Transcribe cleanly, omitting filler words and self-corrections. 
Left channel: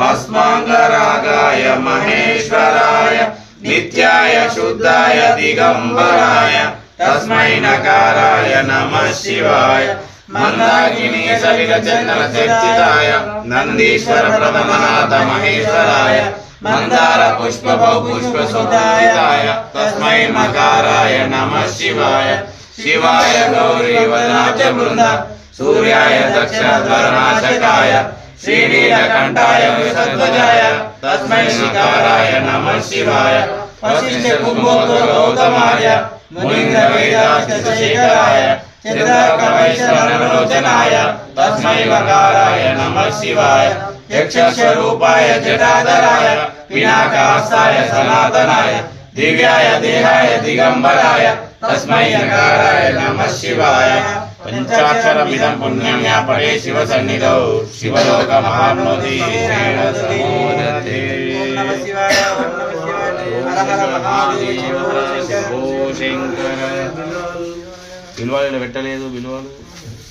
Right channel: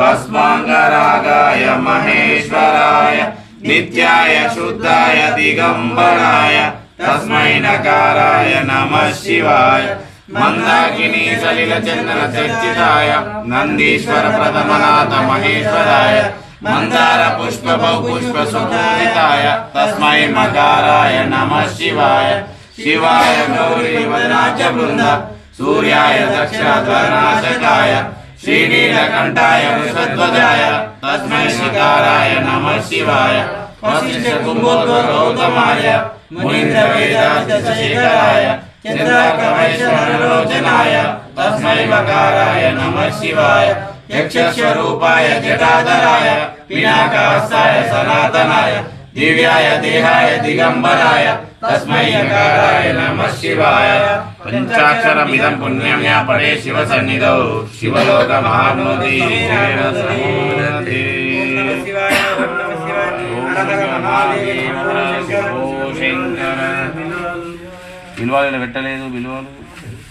भस्मांगरागाय महेश्वराय नित्याय शुद्धाय दिगंबराय तस्मै नकाराय नमः शिवाय मंदाकिनी सलिल चंदन चर्चिताय नंदीश्वर प्रथमनाथ महेश्वराय मंदार पुष्प बहुपुष्प सुधाय तस्मै मकाराय नमः शिवाय शिवाय गौरी वदनाच वृंद सूर्याय दक्षिणध्वरनाशकाय श्रीनीलकंठाय वृषध्वजाय तस्मै शिकाराय नमः शिवाय वशिष्ठ कुंभोद्र गौतमाय मुनीन्द्र वेदांतशेखराय चंद्रार्क वैष्णवलोचनाय तस्मै वकाराय नमः शिवाय यक्षस्वरूपाय जटाधराय पिनाकहस्ताय सनातनाय दिव्याय देहाय दिगंबराय तस्मै यकाराय नमः शिवाय पंचाक्षरमिदं पुण्यं या पठे शिव सन्निधौ शिवलोकमाप्नोति समुद्रते शिवाय ओम नमः शिवाय हर हर महादेव शंकर విలువలు పెట్టలేదు విలువలు